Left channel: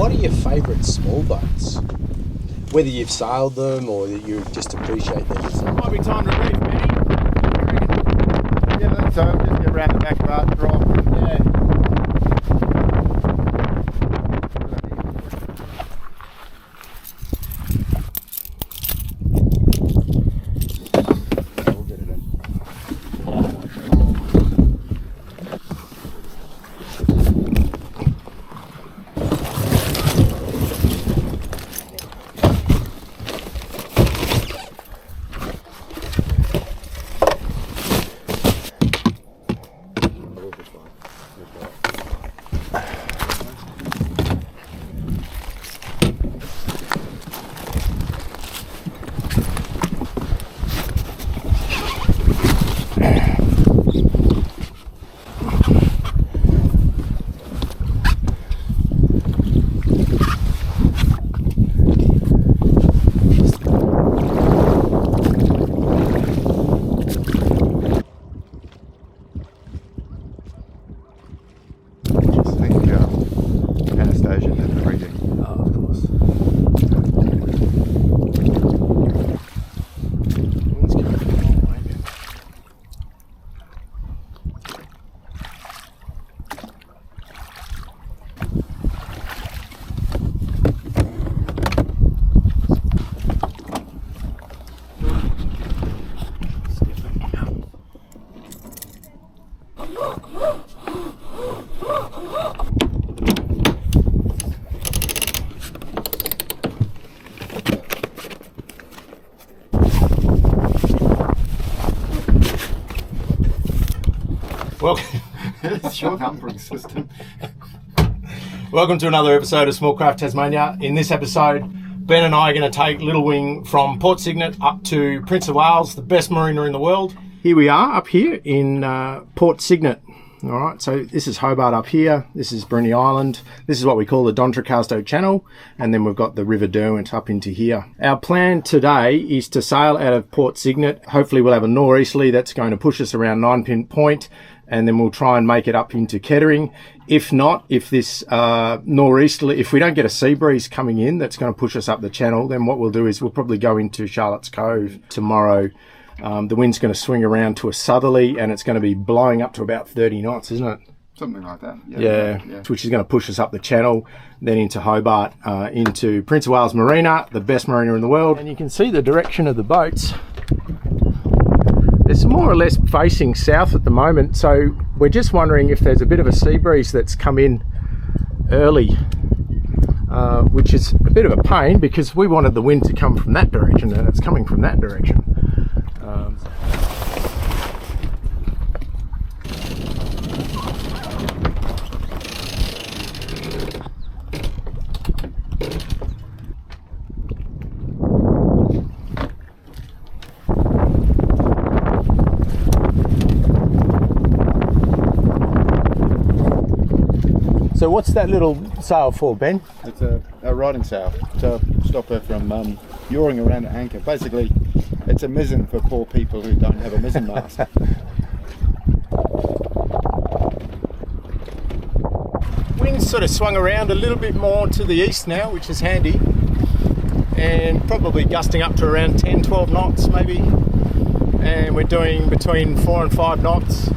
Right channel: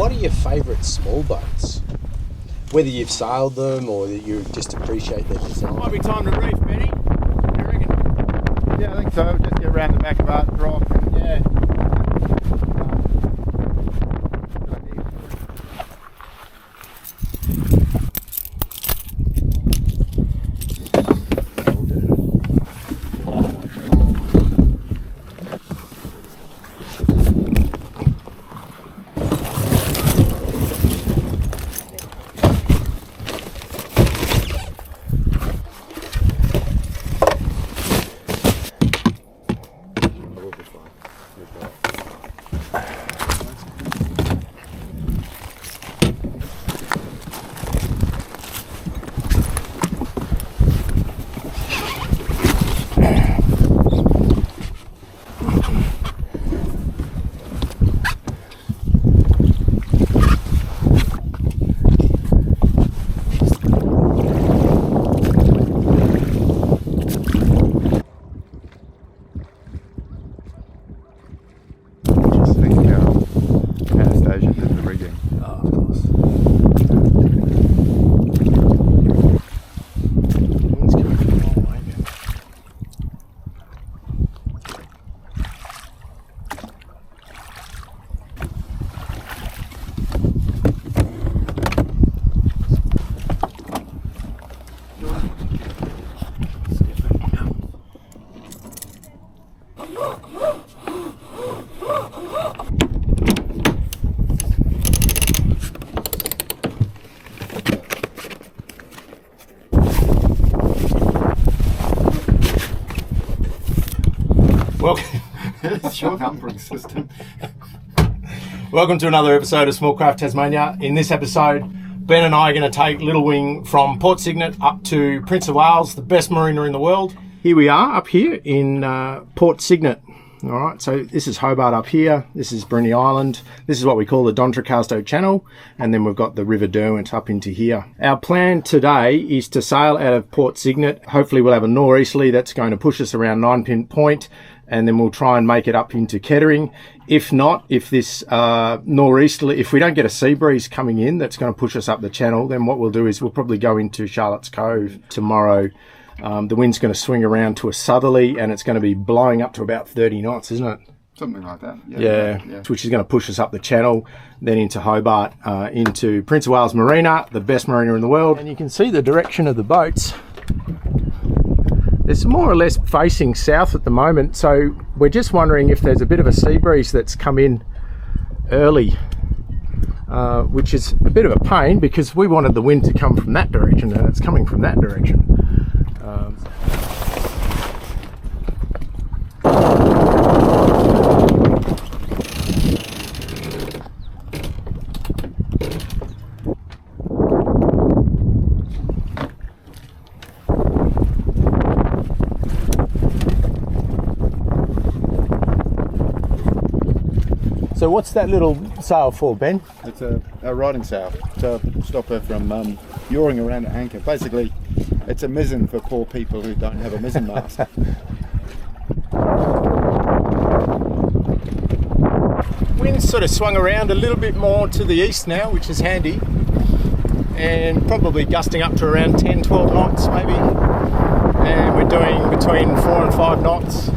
What are your favourite small boats? Whether you''t sailed them or that you just appreciate their design. Might be time to reef, Benny. What do you reckon? Yeah, I think so. Just get around the back of Art Drop. Yeah. Did the rigging. Oh, of course. Wind's coming from the long way now. Welcome. It's your numbering system. Welcome to another episode of Smallcraft Tasmania. In this episode, Ben and I are going to take Little Wing from Port Cygnet up to Prince of Wales, the best marina in the world. Here we are up here in Port Cygnet. All right, so this is Hobart up here. This is Bruny Island. This is what we call the Dontracasto Channel. And then we've got the River Derwent up into here. Our plan today is to sail out of Port Cygnet. Hopefully we'll have a nor'easterly that's going to push us around 9 Pin Point. And then we'll try and make it up into Kettering. If not, if this nor'easterly, if we don't get a sea breeze coming in that's going to push us up the channel, then what we'll do is we'll probably go into Charlotte's Cove tomorrow. The wind's going to swing around to a southerly and it's going to be blowing up to about 30 knots, isn't it? Something like that. Yeah. Which is going to push us up the channel, then into Hobart, into Prince of Wales Marina, the best marina in the world. And you can see the direction of the boats. It's more or less facing south at the moment, so we're just wondering if there's a bit of a sea breeze that's come in early, which is a bit of a pain because we wanted the wind to come from that direction and it's coming from that direction. So what's that little sail for, Ben? It's a riding sail to stop her from yawing around the anchor. Basically, it's a mizzen for poor people who don't have a mizzen mast. Wind's sort of swung around a little bit more to the east now, which is handy. And probably gusting up to around 10, 12 knots maybe. And we're doing between 4 and 5 knots.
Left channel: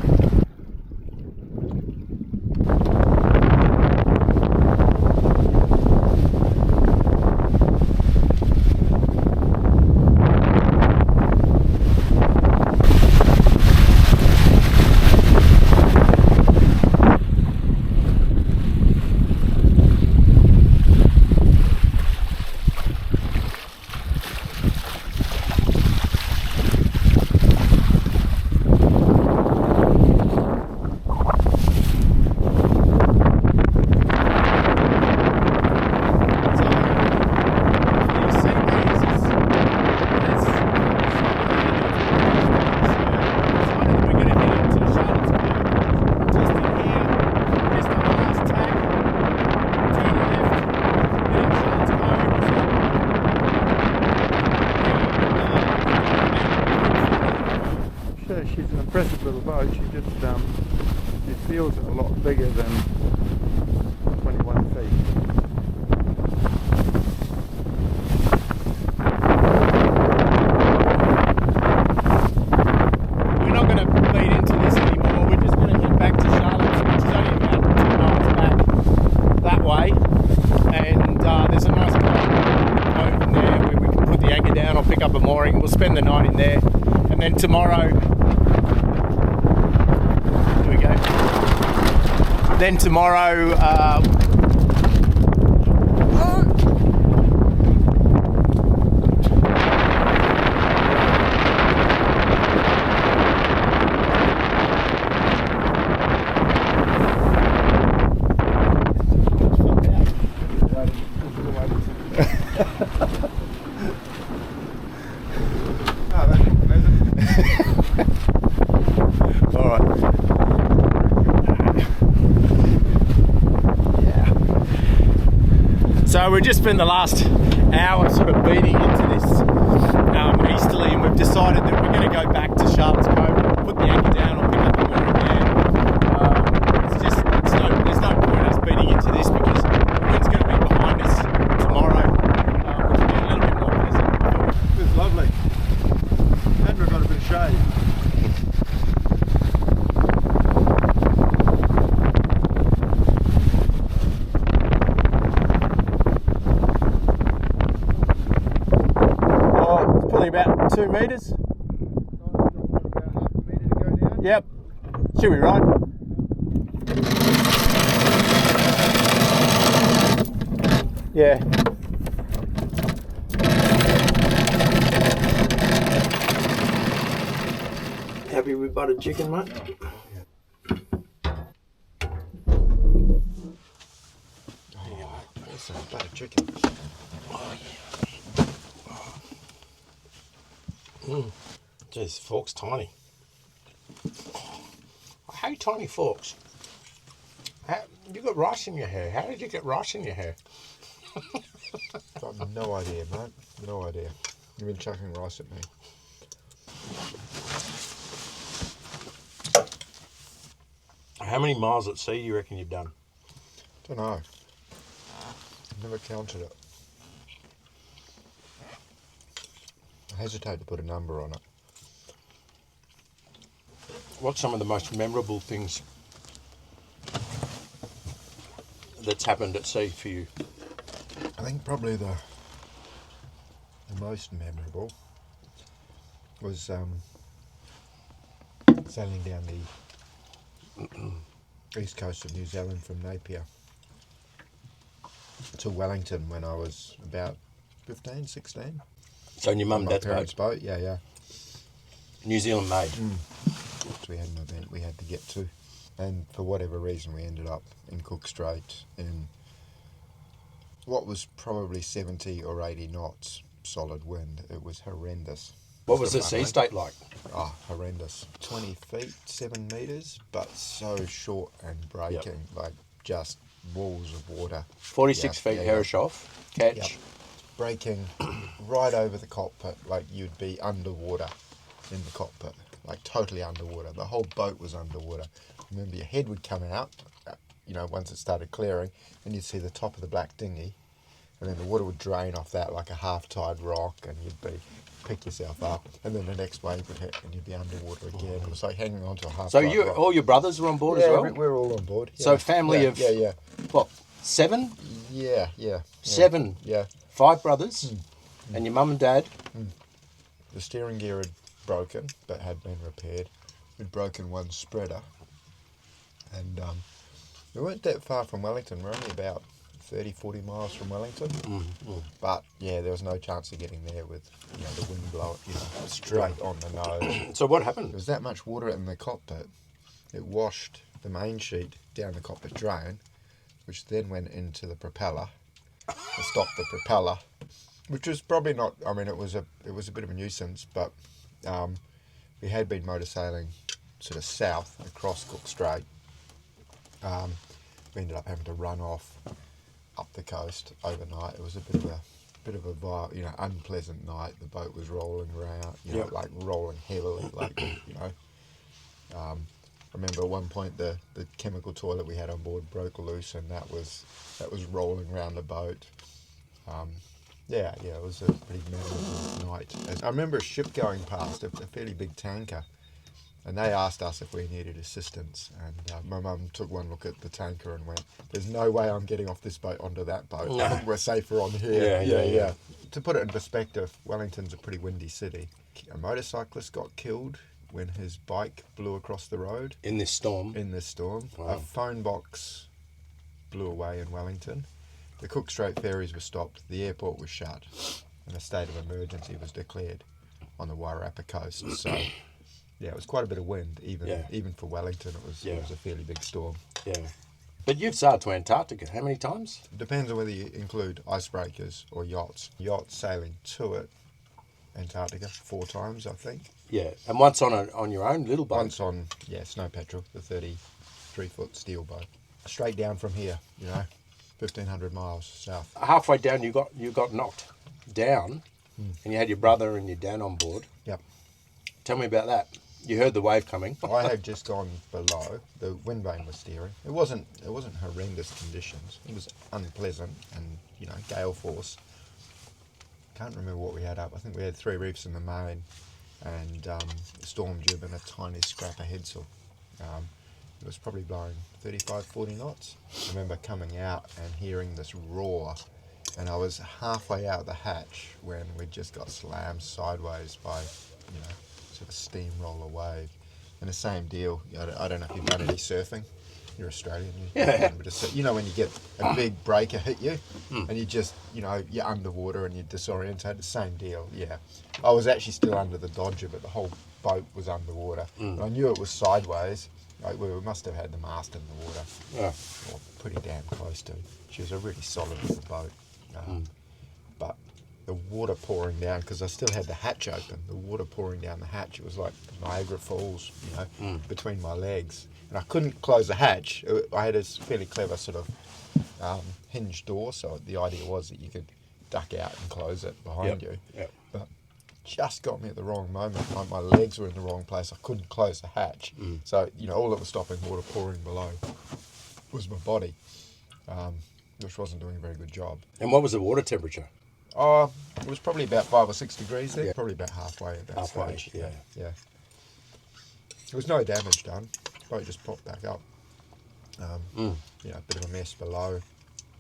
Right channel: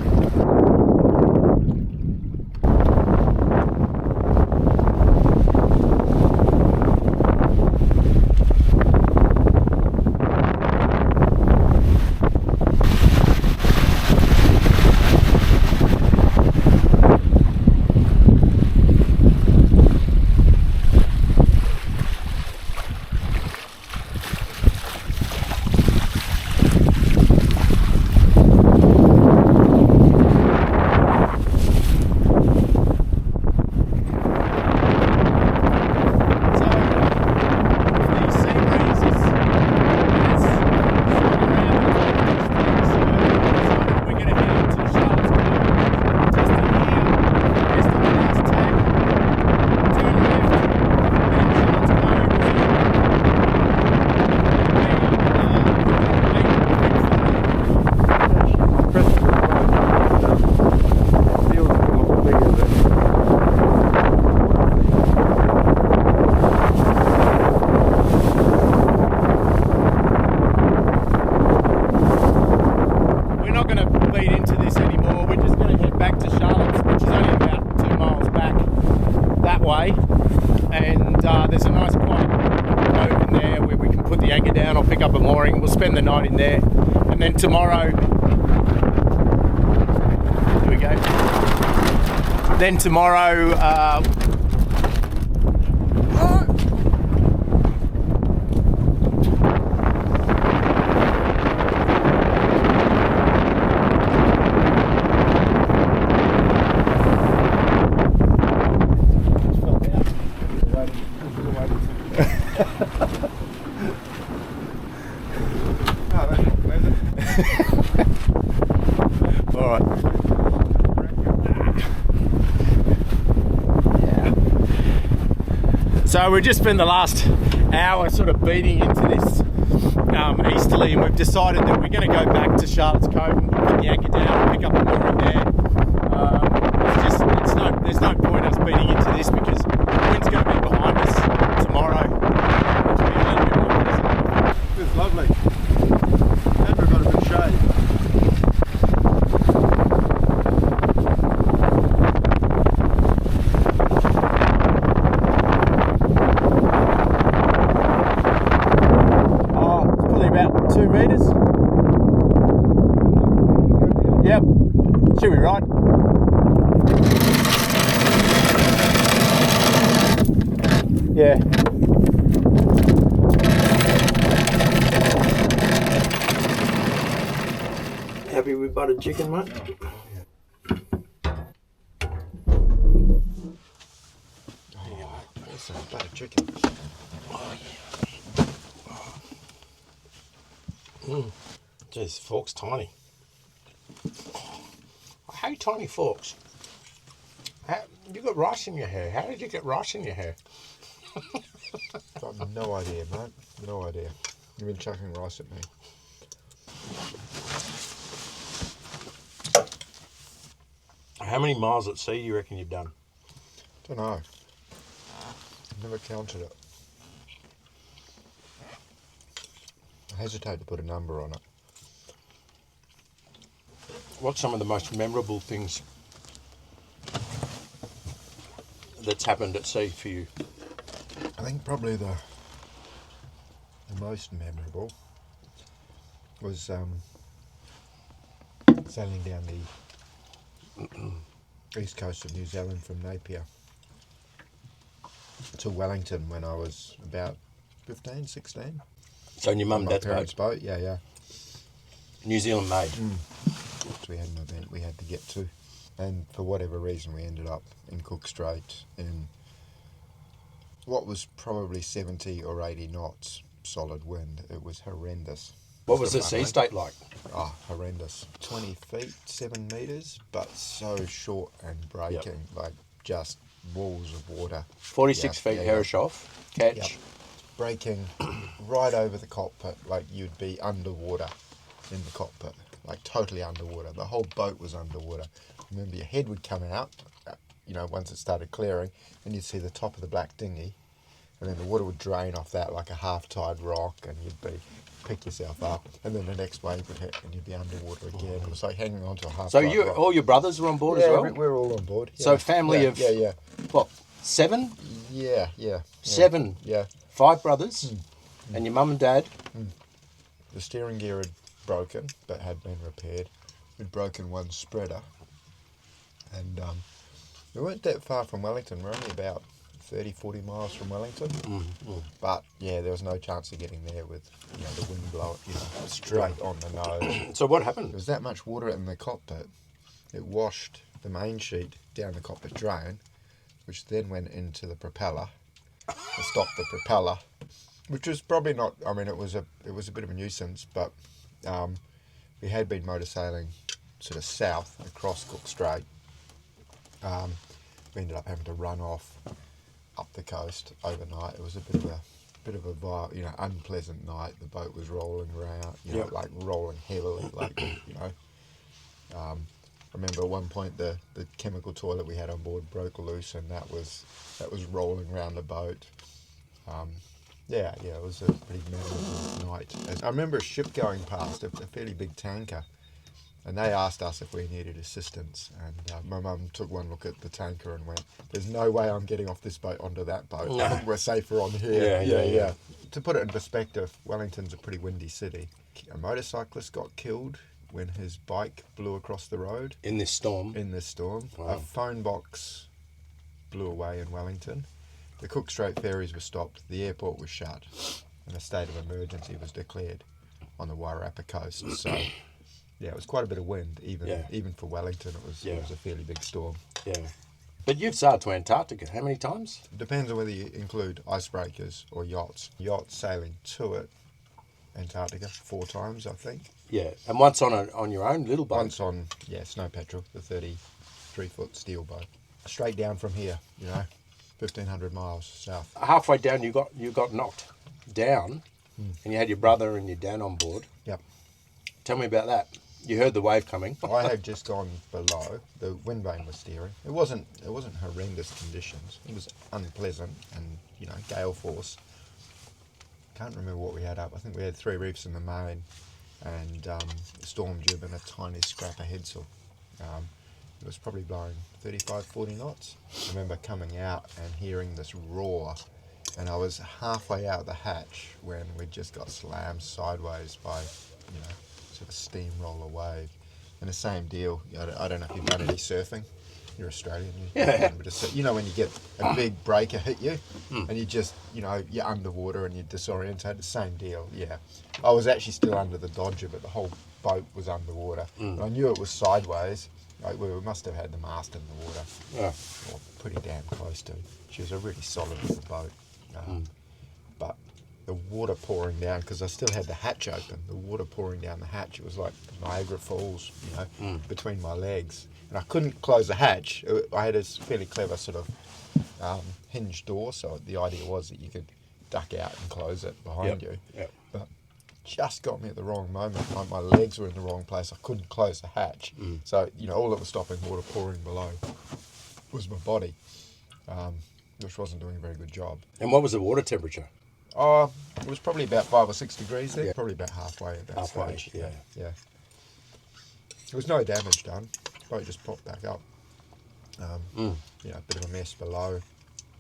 way, and there's a nice cove in there where we can put the anchor down or pick up a mooring. We'll spend the night in there, and then tomorrow, here we go. Then tomorrow, all right. So we just spent the last hour sort of beating into this easterly, and we've decided that we're going to go back to Charlotte's Cove and put the anchor down and pick up a mooring there. There's no point us beating into this because the wind's going to be behind us tomorrow, which will be a little bit more pleasant. It's lovely. And we've got a bit of shade. About 2 metres. Yep. Should we ride? Yeah. Happy with buttered chicken, mate? That's some buttered chicken. Oh, yeah. Jeez, fork's tiny. I hate tiny forks. You got rice in your hair. How did you get rice in your hair? I've got no idea, mate. No idea. You've been chucking rice at me. How many miles at sea do you reckon you've done? Don't know. Never counted it. I hesitate to put a number on it. What's some of the most memorable things that's happened at sea for you? I think probably the most memorable was sailing down the east coast of New Zealand from Napier to Wellington when I was about 15, 16. So in your mum and dad's parents' boat? boat, yeah. New Zealand made? So we had an event we had to get to. And for whatever reason we ended up in Cook Strait in what was probably 70 or 80 knots solid wind. It was horrendous. What was the sea state like? Oh, horrendous. 20 feet, 7 metres, but so short and breaking, like just walls of water. 46 feet Herish off, catch. Yep. Breaking right over the cockpit, like you'd be underwater in the cockpit, like totally underwater. The whole boat was underwater. Remember, your head would come out, once it started clearing, and you'd see the top of the black dinghy, and then the water would drain off that like a half-tide rock, and you'd pick yourself up, and then the next wave would hit, and you'd be underwater again. It was like hanging on to a half-tide rock. All your brothers were on board as well? Yeah, we're all on board. Yeah. So family of, yeah. What, 7? Yeah. 7? Yeah. 5 brothers? And your mum and dad? The steering gear had broken, but had been repaired. We'd broken one spreader. And we weren't that far from Wellington. We're only about 30, 40 miles from Wellington. But, yeah, there was no chance of getting there with, the wind blowing, straight on the nose. So what happened? There was that much water in the cockpit. It washed the main sheet down the cockpit drain, which then went into the propeller and stopped the propeller, which was probably not, it was a bit of a nuisance, but we had been motor sailing sort of south across Cook Strait. We ended up having to run off up the coast overnight. It was a bit of a unpleasant night. The boat was rolling around, like rolling heavily, I remember at one point the chemical toilet we had on board broke loose, and that was rolling around the boat. It was a pretty memorable night. And I remember a ship going past, a fairly big tanker, And they asked us if we needed assistance, and my mum took one look at the tanker and went, "There's no way I'm getting off this boat onto that boat. I think we're safer on here." Yeah. To put it in perspective, Wellington's a pretty windy city. A motorcyclist got killed when his bike blew across the road. In this storm? In this storm. Wow. A phone box blew away in Wellington. The Cook Strait ferries were stopped. The airport was shut. And a state of emergency was declared on the Wairarapa coast. So... yeah, it was quite a bit of wind, even for Wellington. It was a fairly big storm. Yeah. But you've sailed to Antarctica how many times? Depends on whether you include icebreakers or yachts. Yachts sailing to it, Antarctica, 4 times, I think. Yeah, and once on your own little boat? Once on, Snow Patrol, the 33-foot steel boat. Straight down from here, 1,500 miles south. Halfway down you got knocked down, and you had your brother and your dad on board. Yep. Tell me about that. You heard the wave coming. I had just gone below. The wind vane was steering. It wasn't horrendous conditions. It was unpleasant and gale force. Can't remember what we had up. I think we had 3 reefs in the main, and storm jib and a tiny scrap of headsail. It was probably blowing 35, 40 knots. I remember coming out and hearing this roar, and I was halfway out the hatch when we just got slammed sideways by sort of steamroller wave. And the same deal, I don't know if you've done any surfing. You're Australian. When you get a big breaker hit you, and you just, you're underwater and you're disorientated. Same deal, yeah. I was actually still under the dodger, but the whole boat was underwater. And I knew it was sideways. Like we must have had the mast in the water. Yeah. Or pretty damn close to. She was a really solid little boat. But the water pouring down, because I still had the hatch open, the water pouring down the hatch, it was like Niagara Falls, between my legs. And I couldn't close the hatch. I had a fairly clever sort of hinged door, so the idea was that you could duck out and close it behind you. Yep. But just got me at the wrong moment. My legs were in the wrong place. I couldn't close the hatch. So, all that was stopping water pouring below was my body, which wasn't doing a very good job. And what was the water temperature? It was probably about 5 or 6 degrees there. Yeah. Probably about halfway at that stage. Yeah. There was no damage done. The boat just popped back up. A bit of a mess below.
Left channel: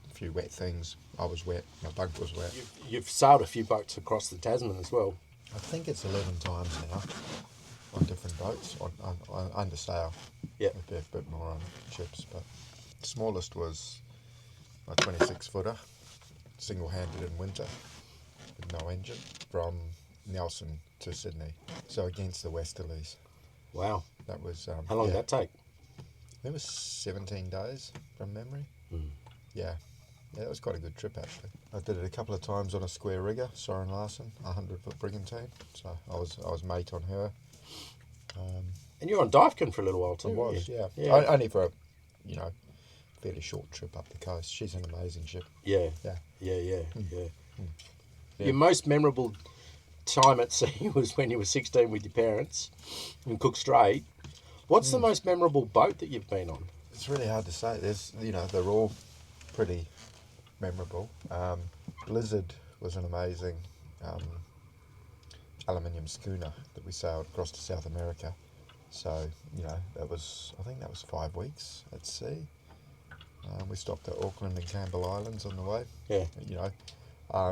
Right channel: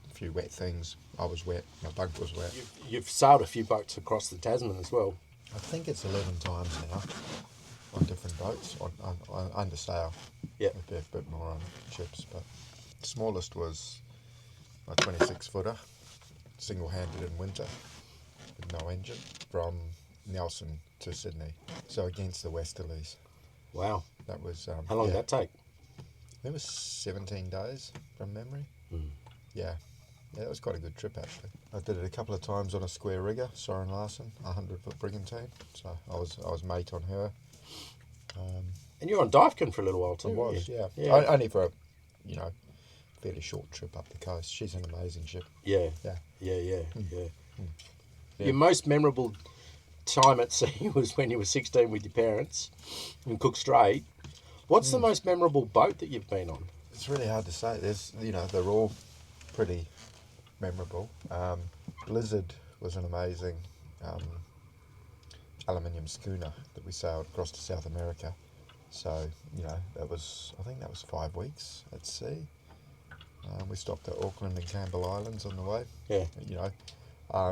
A few wet things. I was wet. My bunk was wet. You've sailed a few boats across the Tasman as well. I think it's 11 times now on different boats, on under sail. Yeah. A bit more on ships, but the smallest was a 26-footer, single-handed in winter, with no engine, from Nelson to Sydney. So against the westerlies. Wow. That was... How long did that take? It was 17 days from memory. Yeah. Yeah, that was quite a good trip, actually. I did it a couple of times on a square rigger, Soren Larsen, 100-foot brigantine. So I was mate on her. And you were on Divecon for a little while too. I was, yeah. Only for a, fairly short trip up the coast. She's an amazing ship. Yeah. Yeah. Your most memorable time at sea was when you were 16 with your parents in Cook Strait. What's the most memorable boat that you've been on? It's really hard to say. They're all pretty memorable. Blizzard was an amazing aluminium schooner that we sailed across to South America. So, I think that was 5 weeks at sea. We stopped at Auckland and Campbell Islands on the way. Yeah.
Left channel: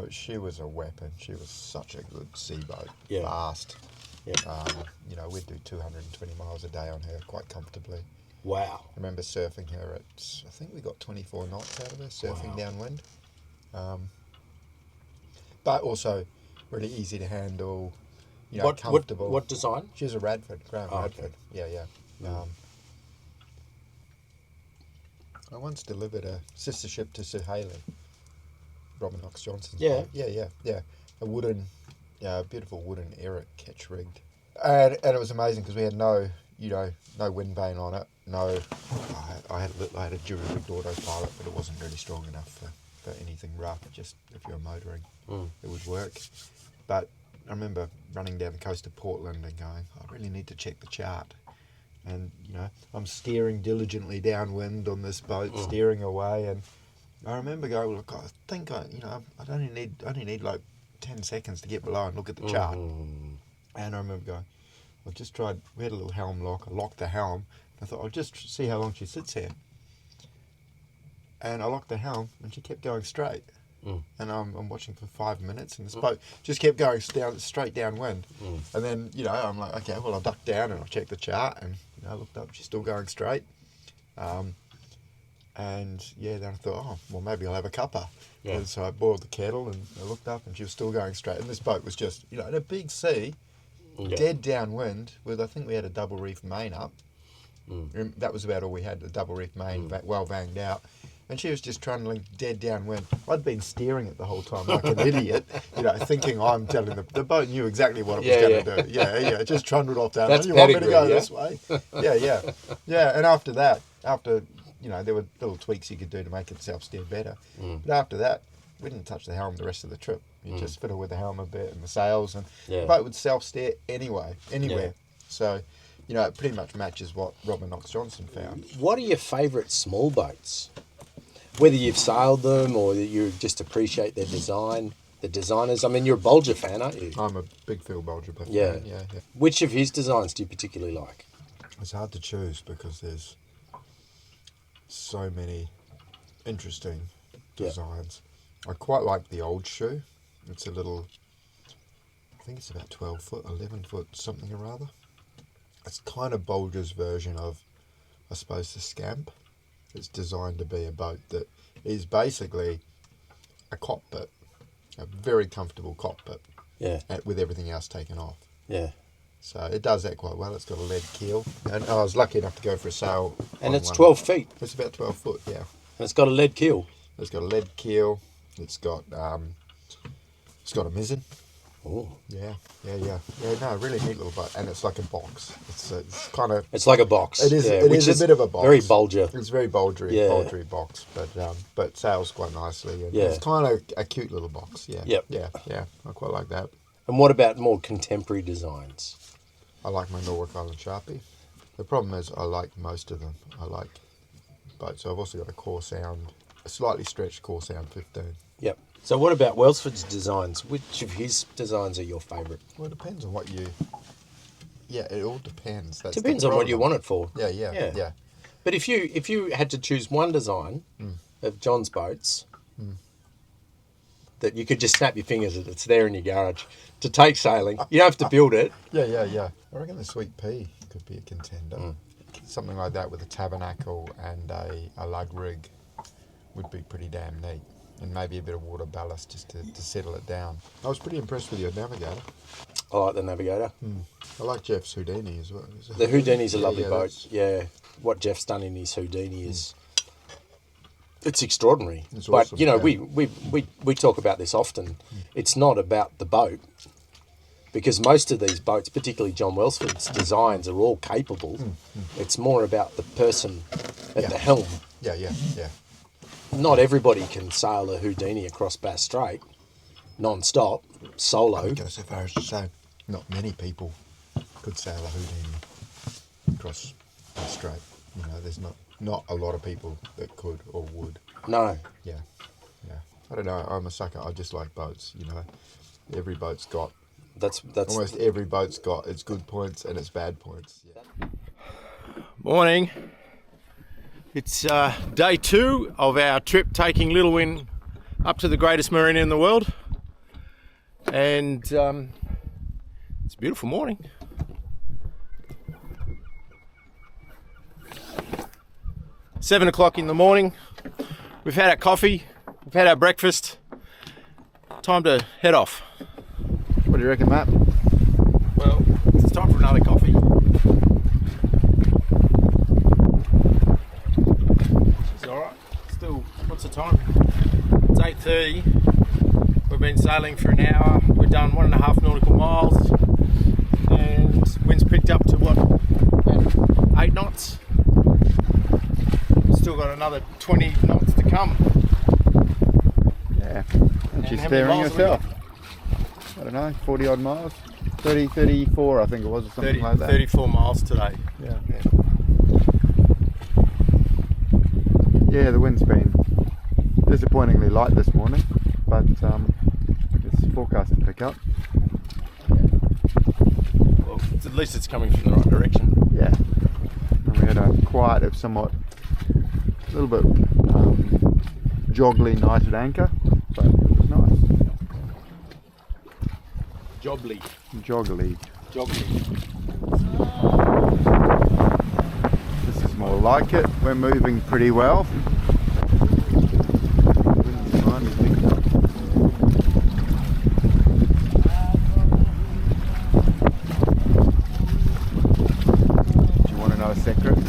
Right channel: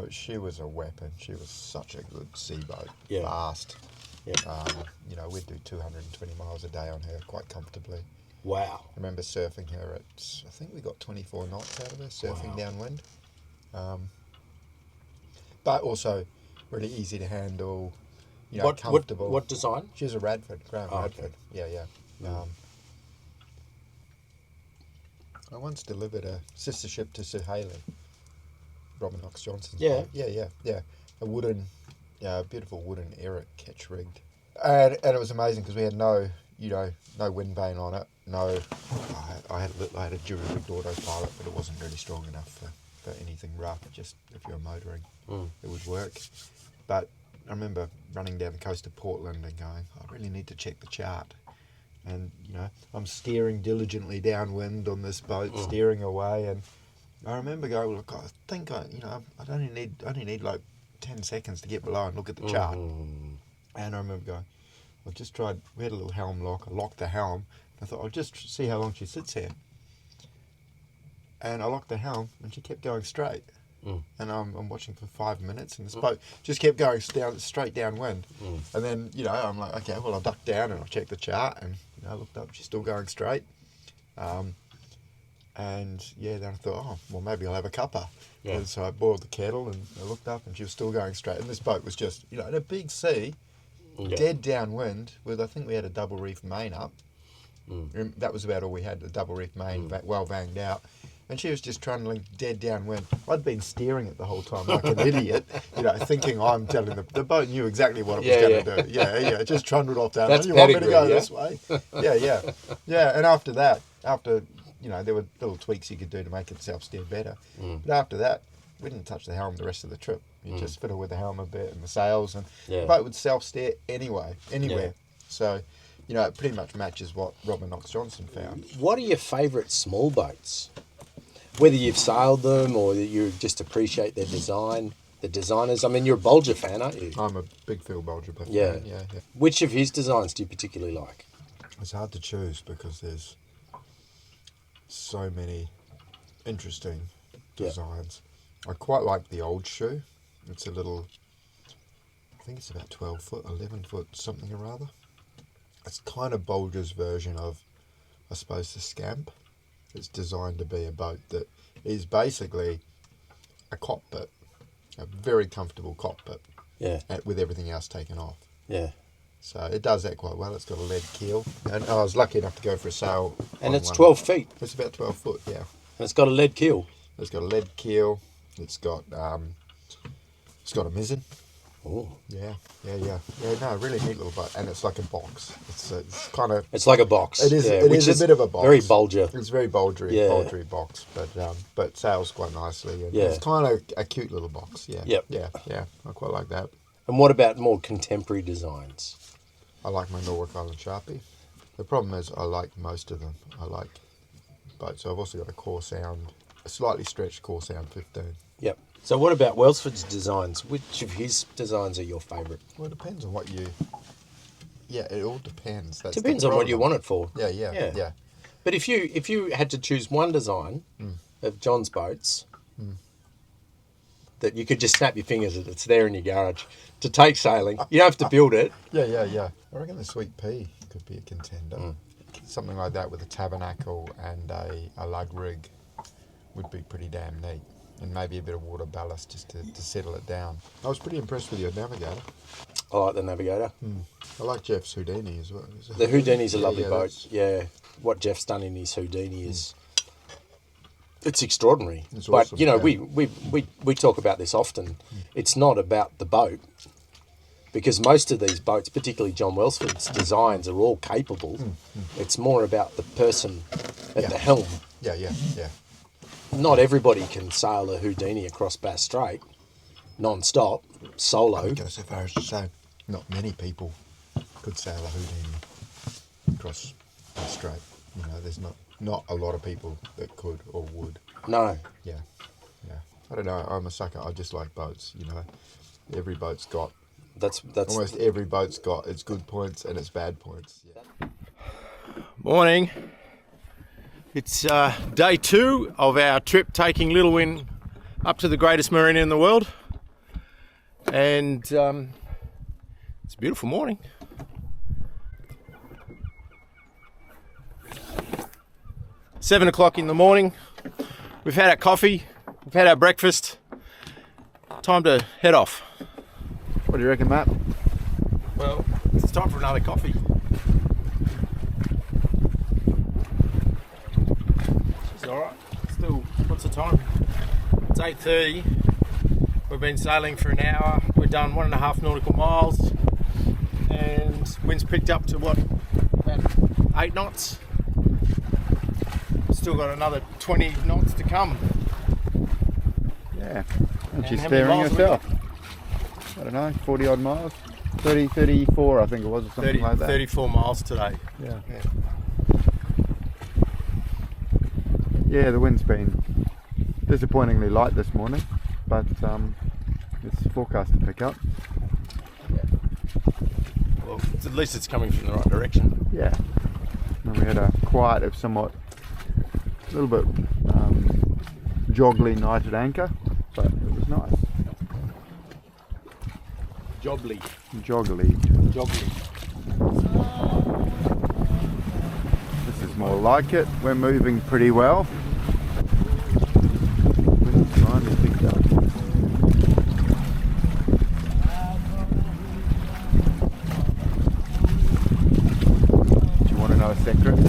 She was a weapon. She was such a good seaboat. Yeah. Fast. Yeah. We'd do 220 miles a day on her quite comfortably. Wow. I remember surfing her at, I think we got 24 knots out of her, surfing downwind. But also really easy to handle, comfortable. What design? She was a Radford, Graham Radford. Okay. Yeah. I once delivered a sister ship to Sir Haley, Robin Knox Johnson's boat. Yeah. A wooden, beautiful wooden Eric catch rigged. And it was amazing because we had no wind vane on it. No, I had a Dura-rigged autopilot, but it wasn't really strong enough for anything rough. Just if you're motoring, it would work. But I remember running down the coast of Portland and going, I really need to check the chart. And I'm steering diligently downwind on this boat, steering away, and I remember going, look, I think I only need like 10 seconds to get below and look at the chart. And I remember going, I just tried. We had a little helm lock. I locked the helm. I thought I'll just see how long she sits here. And I locked the helm, and she kept going straight. And I'm watching for 5 minutes, and this boat just kept going straight downwind. And then, you know, I'm like, okay, well, I ducked down and I checked the chart, and you know, I looked up, she's still going straight. And yeah, then I thought, oh, well, maybe I'll have a cuppa. Yeah. And so I boiled the kettle, and I looked up, and she was still going straight. And this boat was just, you know, in a big sea, dead downwind. With I think we had a double reef main up. That was about all we had, the double reef main, well vanged out. And she was just trundling dead downwind. I'd been steering it the whole time like an idiot, you know, thinking I'm telling the boat knew exactly what it was going to do. Yeah, it just trundled off down. That's you want me to go yeah? this way? Yeah. And after that, you know, there were little tweaks you could do to make it self-steer better. But after that, we didn't touch the helm the rest of the trip. You just fiddle with the helm a bit and the sails, and the boat would self-steer anywhere. So, you know, it pretty much matches what Robert Knox Johnson found. What are your favourite small boats? Whether you've sailed them or that you just appreciate their design, the designers. I mean, you're a Bolger fan, aren't you? I'm a big Phil Bolger fan. Yeah. Which of his designs do you particularly like? It's hard to choose because there's so many interesting designs. I quite like the old shoe. It's a little, I think it's about 12 foot, 11 foot, something or other. It's kind of Bolger's version of, I suppose, the Scamp. It's designed to be a boat that is basically a cockpit, a very comfortable cockpit, with everything else taken off. Yeah. So it does that quite well. It's got a lead keel, and I was lucky enough to go for a sail. And it's 12 feet. It's about 12 foot, yeah. And it's got a lead keel. It's got a lead keel. It's got a mizzen. Oh. Yeah. No, really neat little boat, and it's like a box. It's kind of. It's like a box. It is. Yeah, it is a bit of a box. Very Bolger. It's very Bolgery box, but sails quite nicely. And it's kind of a cute little box. Yeah. Yep. Yeah. I quite like that. And what about more contemporary designs? I like my Norfolk Island Sharpie. The problem is I like most of them. I like boats. So I've also got a slightly stretched Core Sound 15. Yep. So what about Welsford's designs? Which of his designs are your favourite? Well, it depends on what you... Yeah, it all depends. Depends on what you want it for. Yeah. But if you had to choose one design of John's boats that you could just snap your fingers at, it's there in your garage to take sailing. You don't have to build it. Yeah. I reckon the Sweet Pea could be a contender. Something like that with a tabernacle and a lug rig would be pretty damn neat. And maybe a bit of water ballast just to settle it down. I was pretty impressed with your Navigator. I like the Navigator. I like Jeff's Houdini as well. The Houdini's a lovely boat. Yeah, what Jeff's done in his Houdini is... It's extraordinary. It's but, awesome, you know, we talk about this often. It's not about the boat. Because most of these boats, particularly John Welsford's designs, are all capable. It's more about the person at the helm. Yeah. Not everybody can sail a Houdini across Bass Strait, non-stop, solo. I would go so far as to say not many people could sail a Houdini across Bass Strait. You know, there's not a lot of people that could or would. No. Yeah. I don't know. I'm a sucker. I just like boats. You know, every boat's got. That's almost every boat's got its good points and its bad points. Yeah. Morning. It's day 2 of our trip taking Little Win up to the greatest marina in the world. And it's a beautiful morning. It's 7 o'clock in the morning. We've had our coffee, we've had our breakfast. Time to head off. What do you reckon, Matt? Well, it's time for another coffee. It's alright. Still, what's the time? It's 8:30. We've been sailing for an hour. We've done 1.5 nautical miles. And wind's picked up to what? About 8 knots. We've still got another 20 knots to come. Yeah, and she's steering herself. I don't know, 40 odd miles, 30, 34 I think it was, or something like that. 34 miles today. Yeah, the wind's been disappointingly light this morning, but it's forecast to pick up. Well, at least it's coming from the right direction. Yeah. And we had a quiet of somewhat, a little bit joggly night at anchor, but it was nice. Joggly. Joggly. This is more like it. We're moving pretty well. Wind's finally picked up. Do you want to know a secret? Do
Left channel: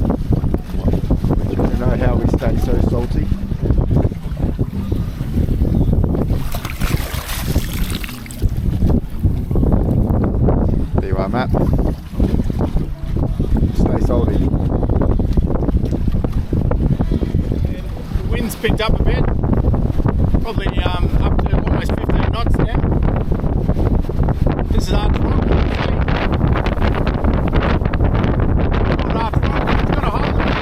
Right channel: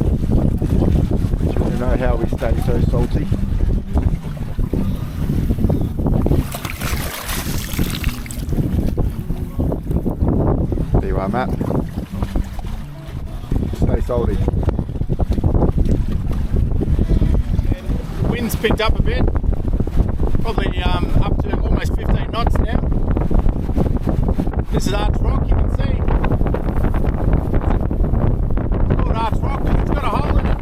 you want to know how we stay so salty? There you are, Matt. Stay salty. The wind's picked up a bit. Probably up to almost 15 knots now. This is Arch Rock, you can see. Not Arch Rock, it's got a hole in it.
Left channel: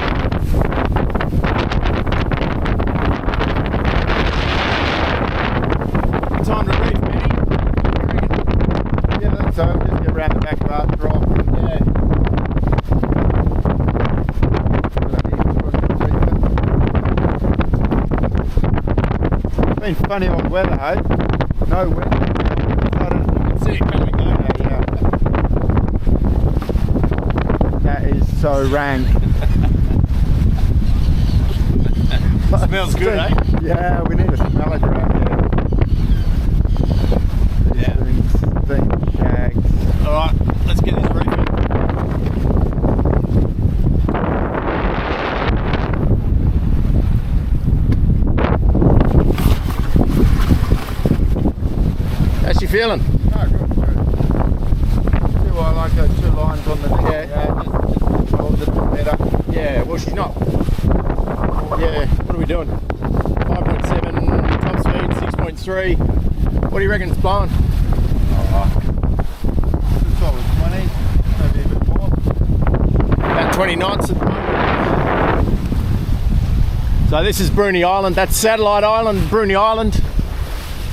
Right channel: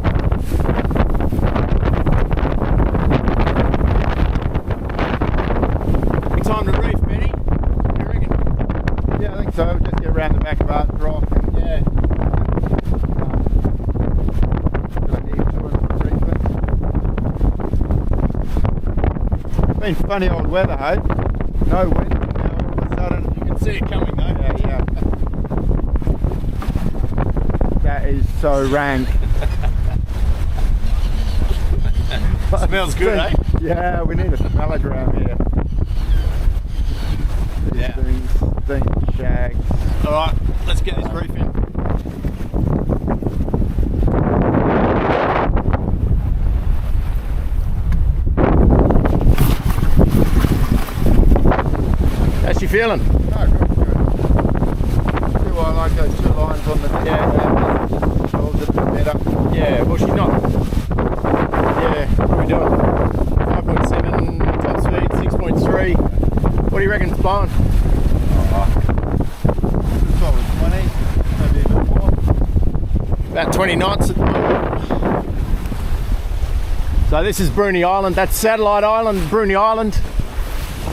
Good time to reef, Benny. What do you reckon? Yeah, I think so. Just get around the back of Arch Rock. Yeah. Been funny old weather, hey? No wind. All of a sudden, You can see it coming though. yeah. That is so rank. Smells good, eh? Yeah, we need a smell around here. These Yeah. things, shags. Alright, let's get this reefing. How's she feeling? Oh, good. See why I like those two lines on the hold it a bit better. Yeah, well she's not. Yeah, what are we doing? 5.7, top speed, 6.3. What do you reckon it's blowing? Solid 20, maybe a bit more. About 20 knots at the moment. So this is Bruny Island, that's Satellite Island, Bruny Island.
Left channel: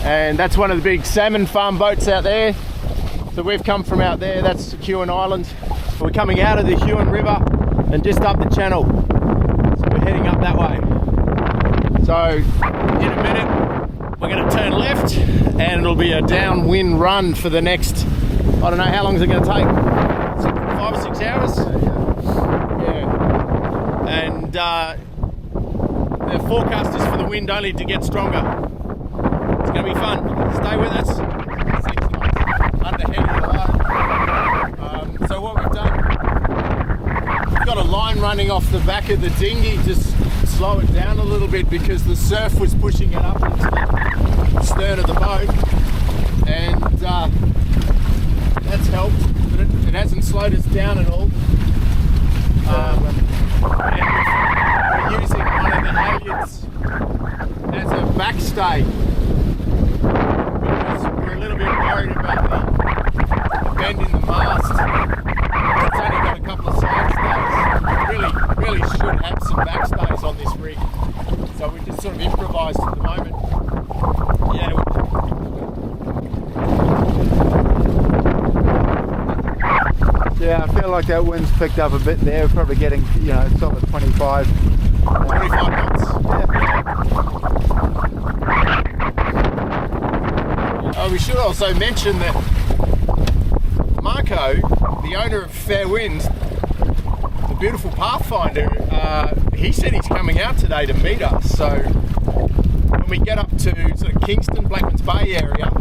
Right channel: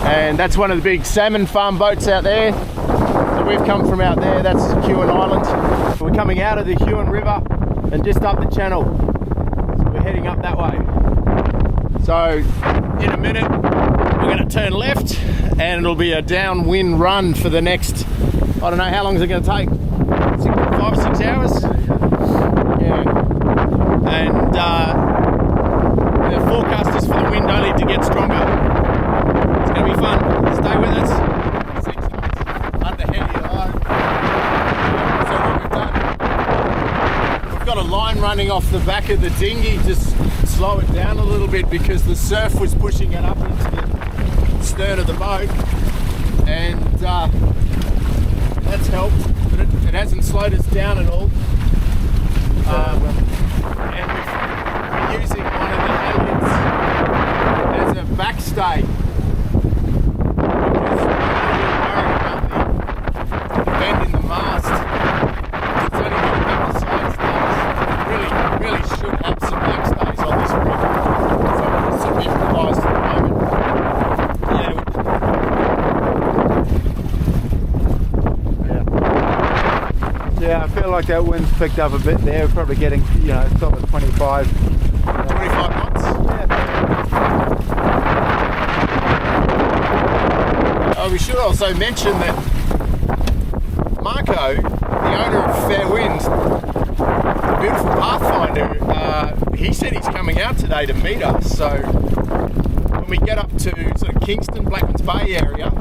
And that's one of the big salmon farm boats out there. So we've come from out there, that's Huon Island. We're coming out of the Huon River and just up the channel. So we're heading up that way. So in a minute, we're gonna turn left and it'll be a downwind run for the next, I don't know, how long is it gonna take? 5 or 6 hours? Yeah. And the forecast is for the wind only to get stronger. It's going to be fun. Stay with us. 6 knots under heavy low. So what we've done, we've got a line running off the back of the dinghy, just slow it down a little bit because the surf was pushing it up into the stern of the boat, and that's helped, but it hasn't slowed us down at all. And we're using one of the halyards as a backstay. Bend in the mast. It's only got a couple of side stays. Really should have some backstays on this rig. So we're just sort of improvised at the moment. Yeah, I feel like that wind's picked up a bit there. We're probably getting, solid 25. 25 knots. Yeah. We should also mention that Marco, the owner of Fair Winds, the beautiful Pathfinder, he said he's coming out today to meet us. So when we get up to sort of Kingston, Blackmans Bay area,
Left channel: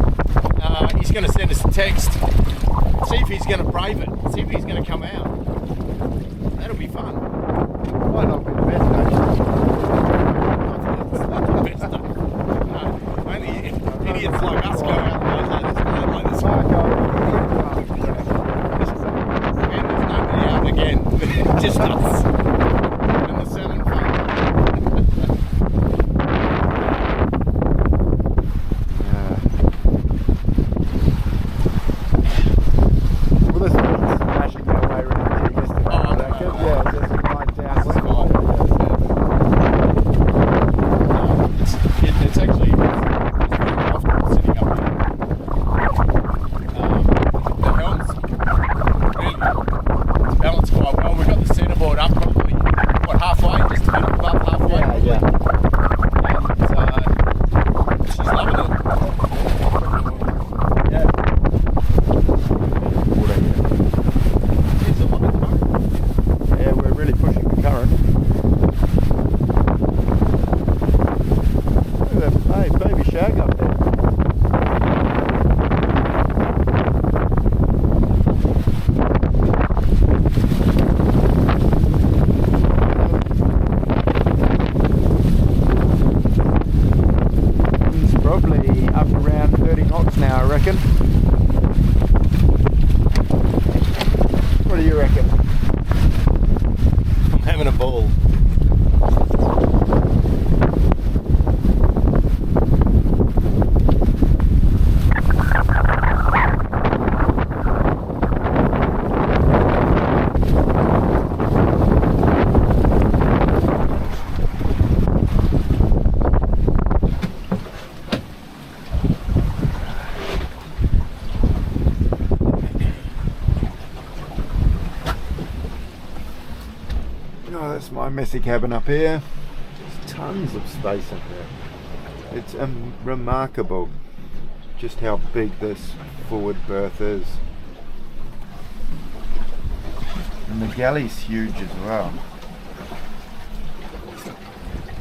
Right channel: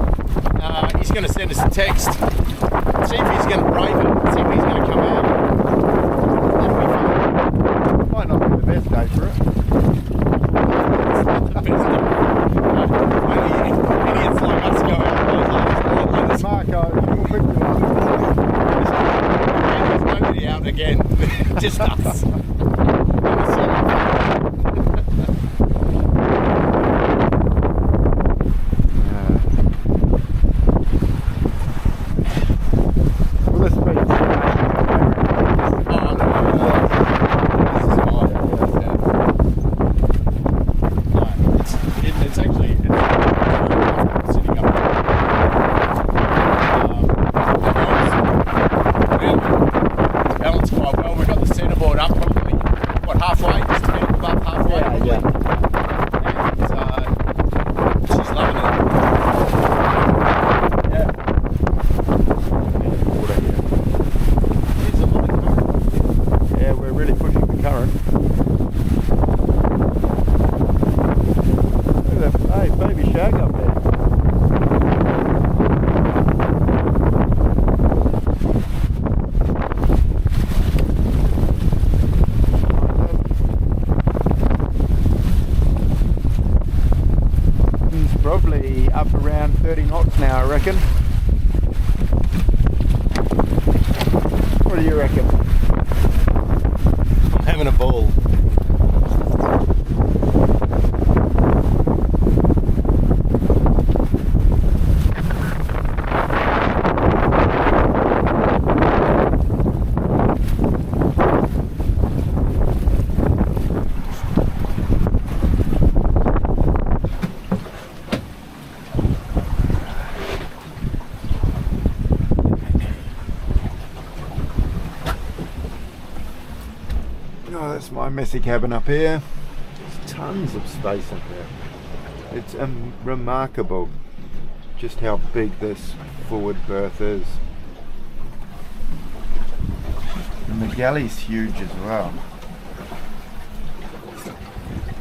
he's going to send us a text, see if he's going to brave it, see if he's going to come out. That'll be fun. Might not be the best day, sure. It's not the best day. No, only idiots like us go out those like this. Marco, And there's nobody out again, just us. And the salmon farm. Well, this is making our way around here. Oh, I know. Yeah, This is fine. It's actually sitting up. The helm's baby shag up there. It's probably up around 30 knots now, I reckon. What do you reckon? I'm having a ball. Oh, that's my messy cabin up here. There's tons of space up there. It's remarkable just how big this forward berth is. And the galley's huge as well.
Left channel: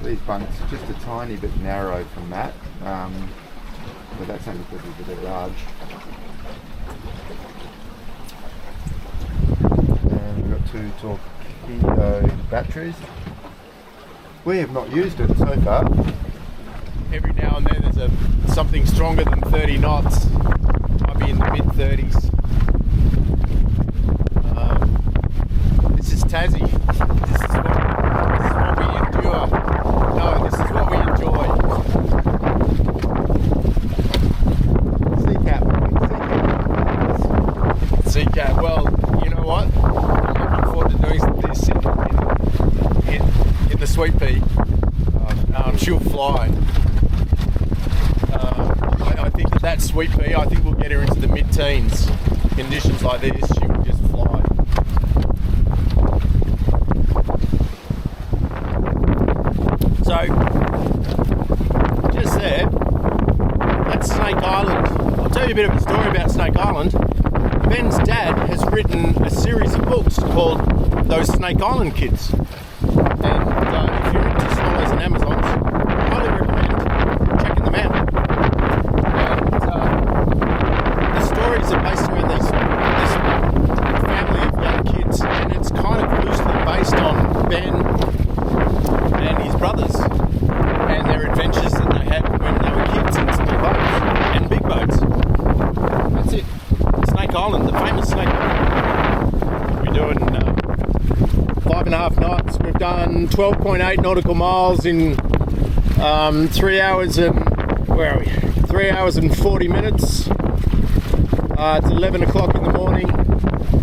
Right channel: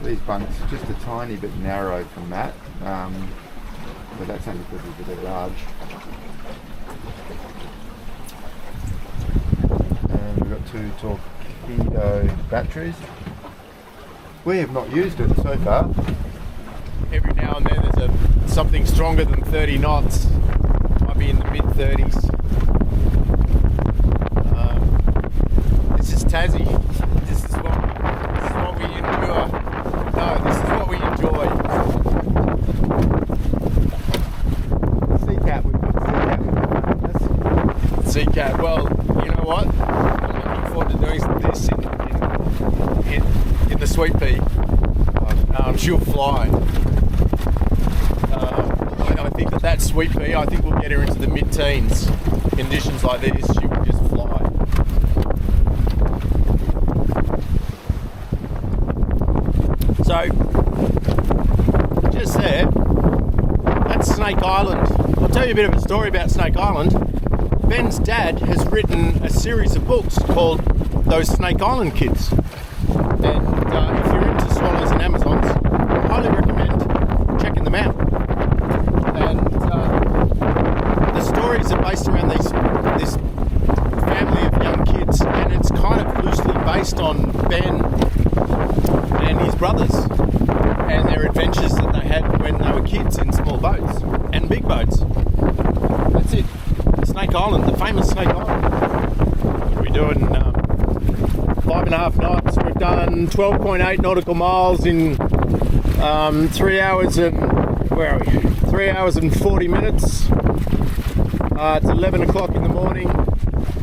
These bunks are just a tiny bit narrow from that, but that's only because they're large. And we've got 2 torpedo batteries. We have not used it so far. Every now and then there's something stronger than 30 knots. Might be in the mid-30s. This is Tassie. This is what we endure. No, this is what we enjoy. Sea cat. Well, you know what? I'm looking forward to doing this in the Sweet Pea. She'll fly. I think that Sweet Pea, I think we'll get her into the mid-teens. Conditions like this, she will just fly. So, just there, that's Snake Island. I'll tell you a bit of a story about Snake Island. Ben's dad has written a series of books called Those Snake Island Kids. And if you're into swallows and Amazons, I highly recommend checking them out. And the stories are based around this family of young kids, and it's kind of loosely based on Ben and his brothers and their adventures that they had when they were kids in small boats and big boats. That's it. Snake Island, the famous Snake Island. We're doing 5.5 knots. We've done 12.8 nautical miles in 3 hours and, where are we? 3 hours and 40 minutes. It's 11 o'clock in the morning.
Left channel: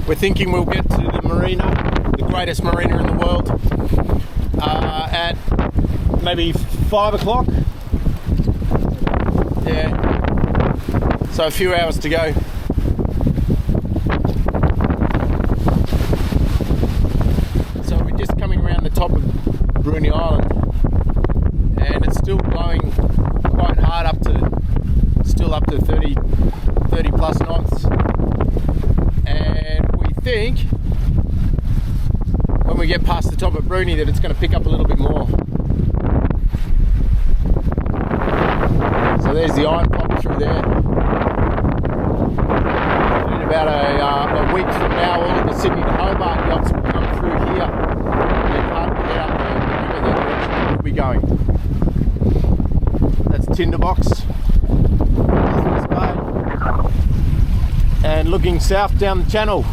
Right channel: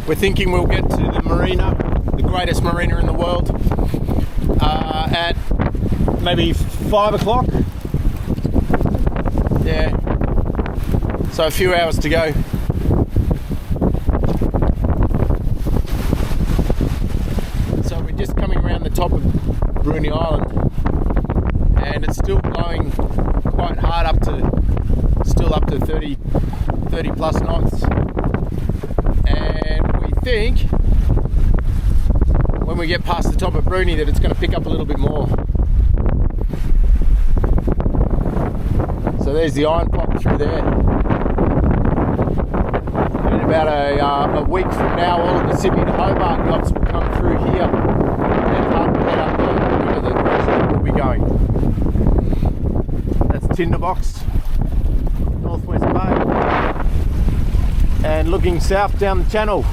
We're thinking we'll get to the Marina, the greatest marina in the world, at maybe 5 o'clock. Yeah. So a few hours to go. So we're just coming around the top of Bruni Island, and it's still blowing quite hard up to 30 plus knots. And we think when we get past the top of Bruni that it's going to pick up a little bit more. So there's the iron pop through there. In about a week from now, all of the Sydney to Hobart yachts will come through here and head up the river, the direction that we'll be going. That's Tinderbox, Northwest Bay, and looking south down the channel.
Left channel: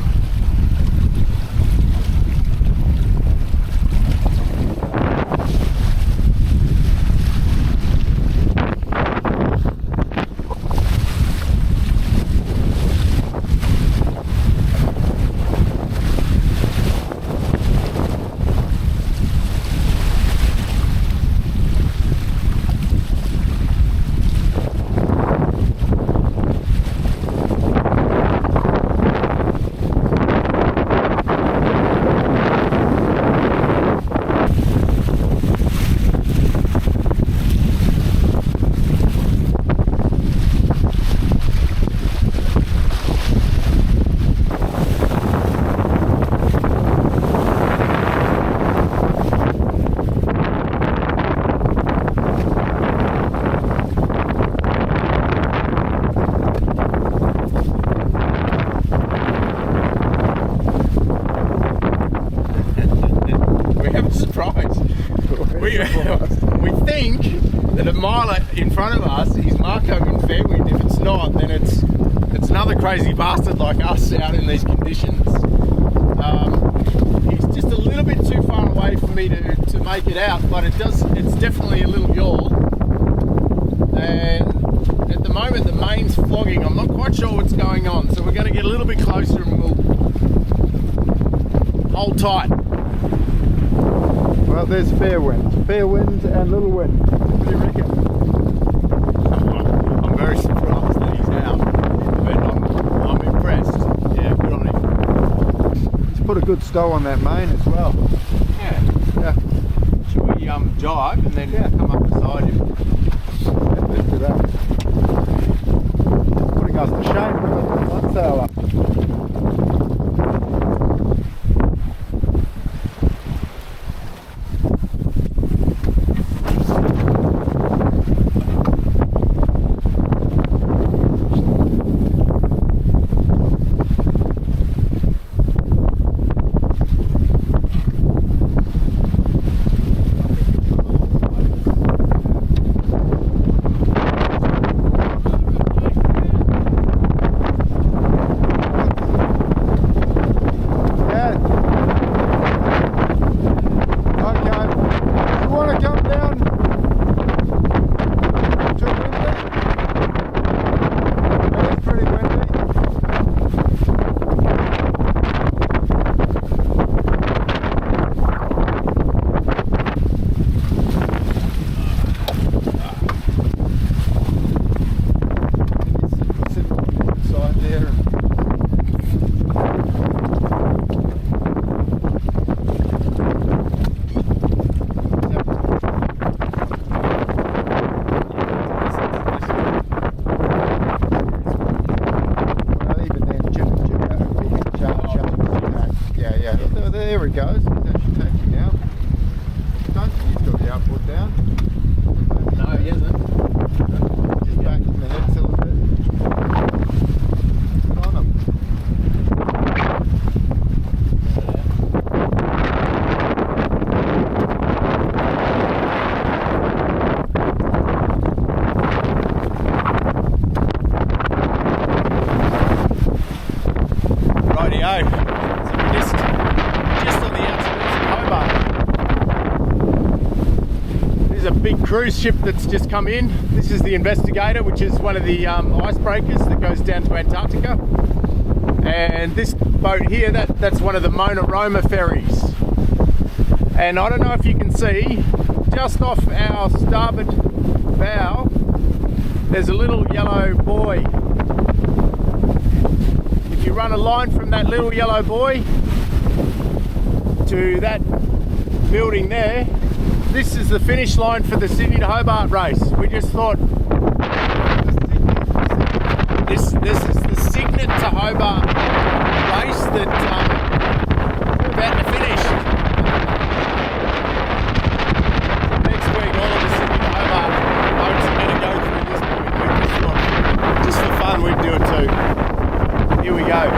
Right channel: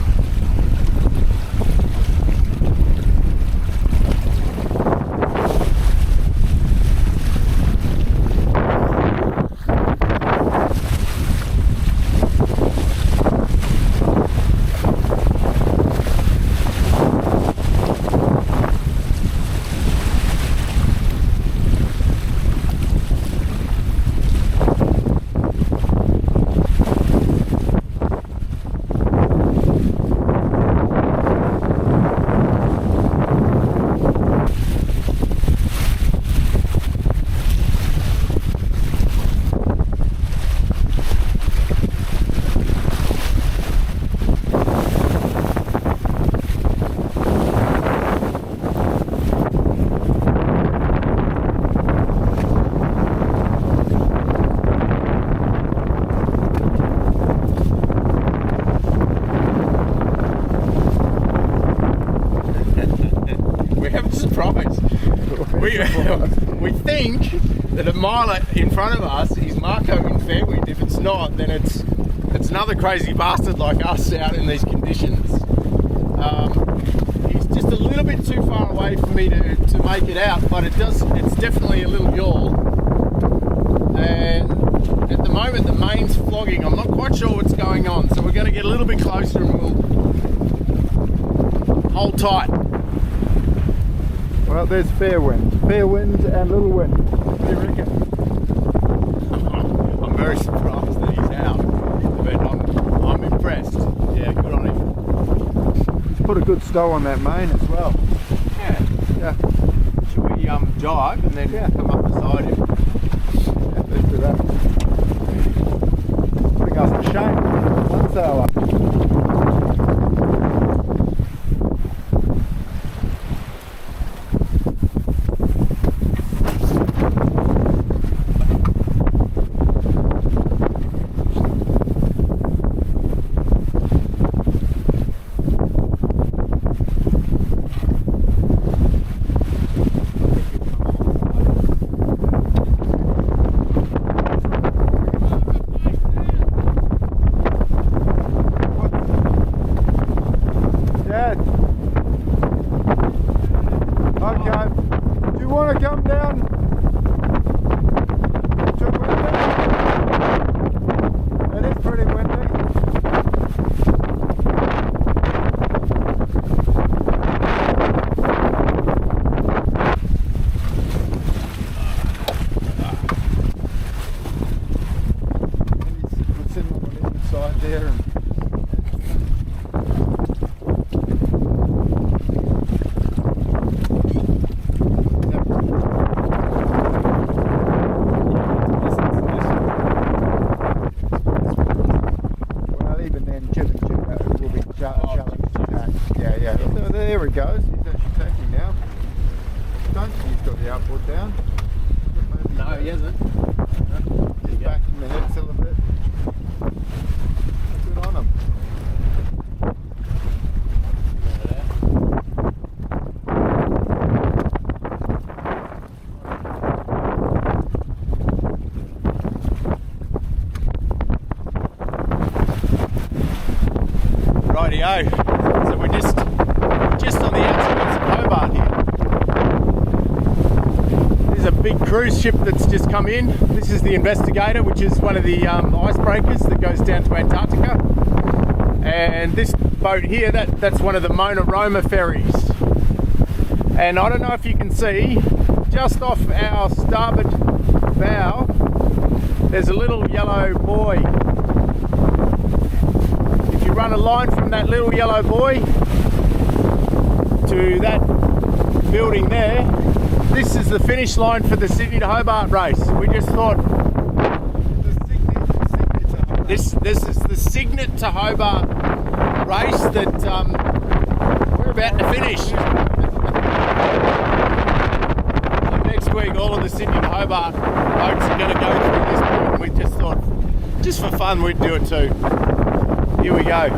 we think that a mile in front of us is Marco in fair wind. If it's not, then it's another crazy bastard like us out in these conditions. He's just a little bit too far away for me to make it out, but it's definitely a little yawl. And at the moment the main's flogging. I'm not quite sure what's going on, so we're going to get a little bit closer and we'll hold tight. Well, there's fair wind and little wind. What do you reckon? I'm very surprised that he's out, but I'm impressed. Yeah, good on him. He's put a good stow on that main as well. Yeah. Should we jibe and then come up beside him? Yeah, let's do that. Putting us to shame with one sailor. There he goes. He's actually taking now. Don't think he's got the outboard down. No, he hasn't. Just backing the head still a bit. Good on him. Rightio. So we're just on the outskirts of Hobart. There's a big cruise ship that's just come in. This is the Investigator, which is one of the icebreakers that goes down to Antarctica. And this boat here, that's one of the Mona Roma ferries. And I don't know if you can see, just off our starboard bow, there's a little yellow buoy. If you run a line from that little yellow buoy to that building there, this is the finish line for the Sydney to Hobart race. We just thought this is the Cygnet to Hobart race that we're about to finish. So next week all of the Sydney to Hobart boats are going to go through this point. We just thought, just for fun, we'd do it too. Here we go.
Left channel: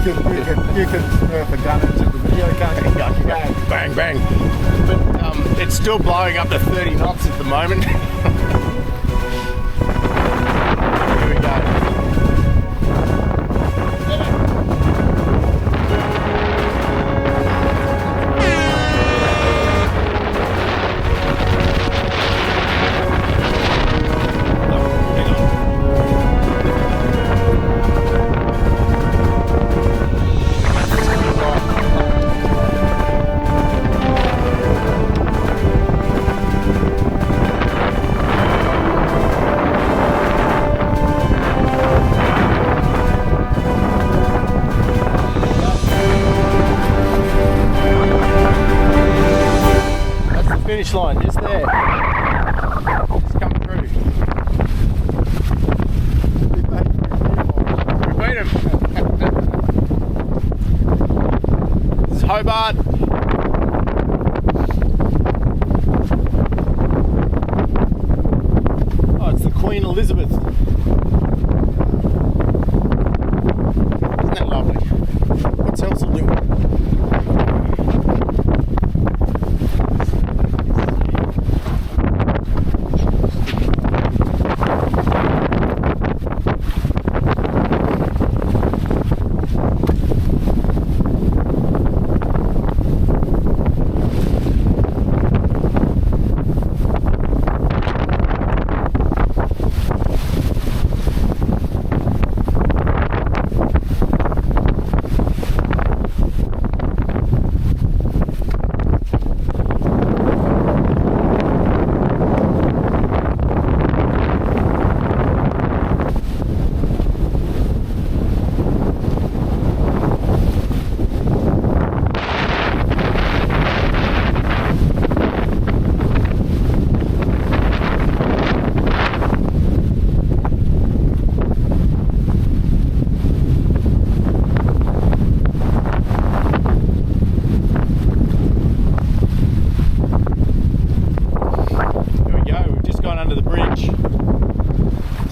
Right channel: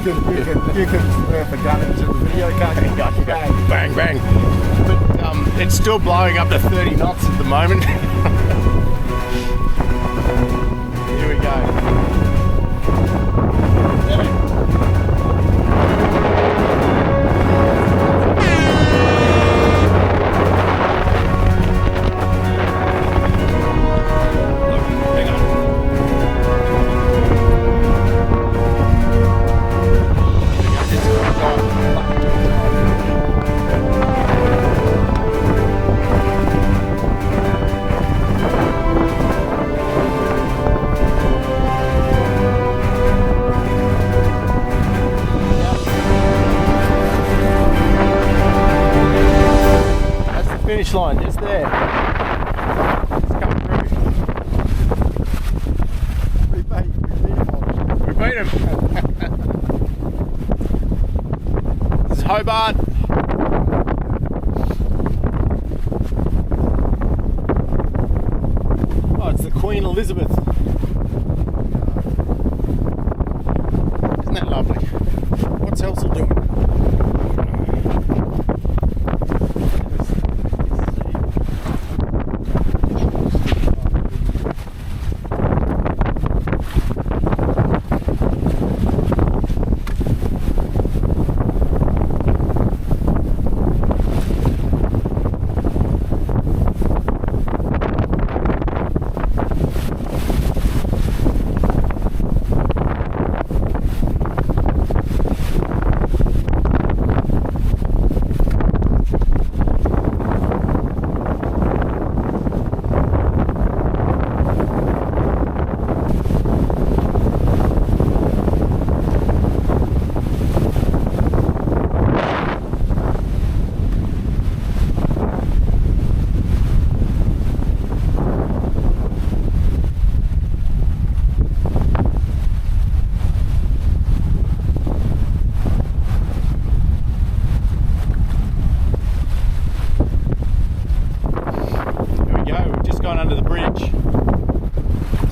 You can nerf a gun into the video, can't you? Bang, bang. But it's still blowing up to 30 knots at the moment. Here we go. Finish line just there. Just come through. We beat him. This is Hobart. Oh, it's the Queen Elizabeth. Isn't that lovely? What's Helsel doing?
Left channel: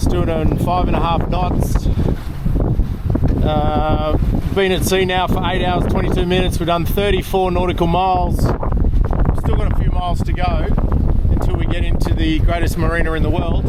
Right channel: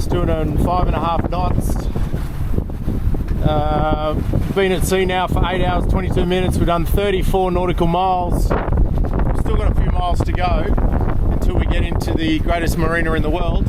still doing 5.5 knots. Been at sea now for 8 hours 22 minutes. We've done 34 nautical miles. Still got a few miles to go until we get into the greatest marina in the world.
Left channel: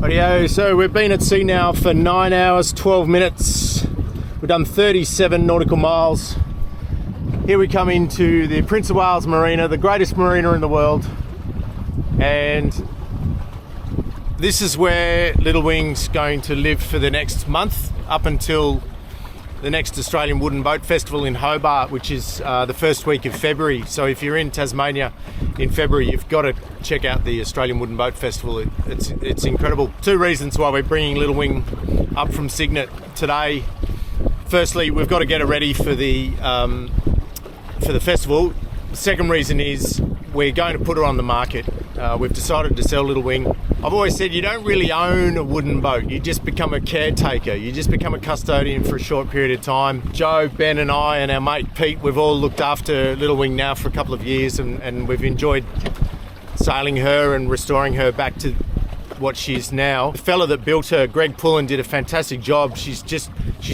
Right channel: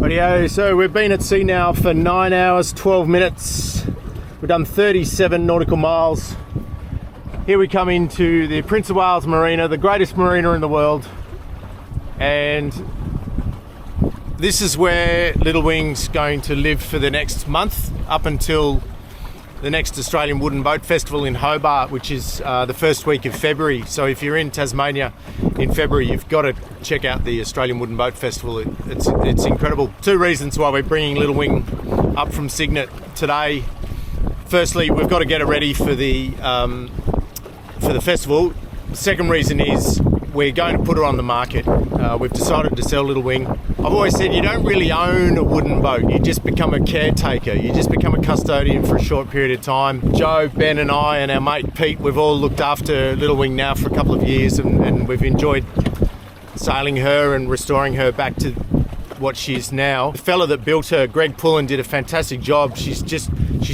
Rightio, so we've been at sea now for 9 hours 12 minutes. We've done 37 nautical miles. Here we come into the Prince of Wales Marina, the greatest marina in the world. And this is where Little Wing's going to live for the next month, up until the next Australian Wooden Boat Festival in Hobart, which is the first week of February. So if you're in Tasmania in February, you've got to check out the Australian Wooden Boat Festival. It's incredible. Two reasons why we're bringing Little Wing up from Cygnet today. Firstly, we've got to get it ready for the festival. The second reason is we're going to put her on the market. We've decided to sell Little Wing. I've always said you don't really own a wooden boat. You just become a caretaker. You just become a custodian for a short period of time. Joe, Ben and I and our mate Pete, we've all looked after Little Wing now for a couple of years, and we've enjoyed sailing her and restoring her back to what she is now. The fella that built her, Greg Pullen, did a fantastic job. She's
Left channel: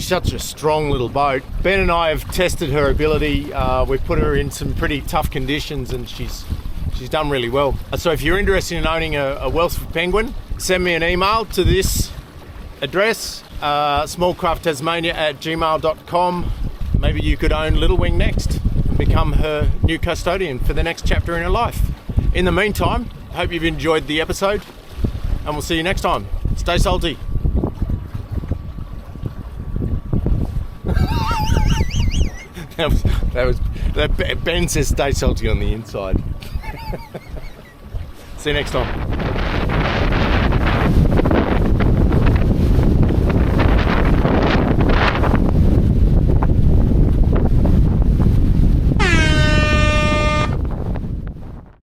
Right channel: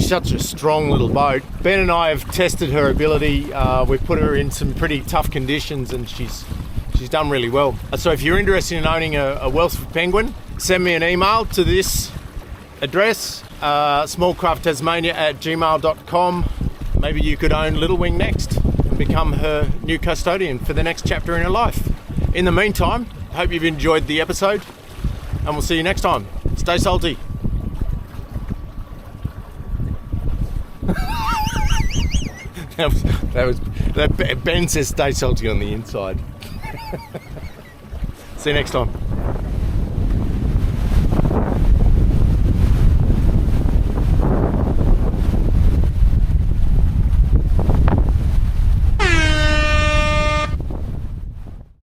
such a strong little boat. Ben and I have tested her ability. We've put her in some pretty tough conditions, and she's done really well. So if you're interested in owning a Welsford penguin, send me an email to this address, smallcrafttasmania@gmail.com. Maybe you could own Little Wing next and become her new custodian for the next chapter in her life. In the meantime, I hope you've enjoyed the episode, and we'll see you next time. Stay salty. that Ben says stay salty on the inside. See you next time.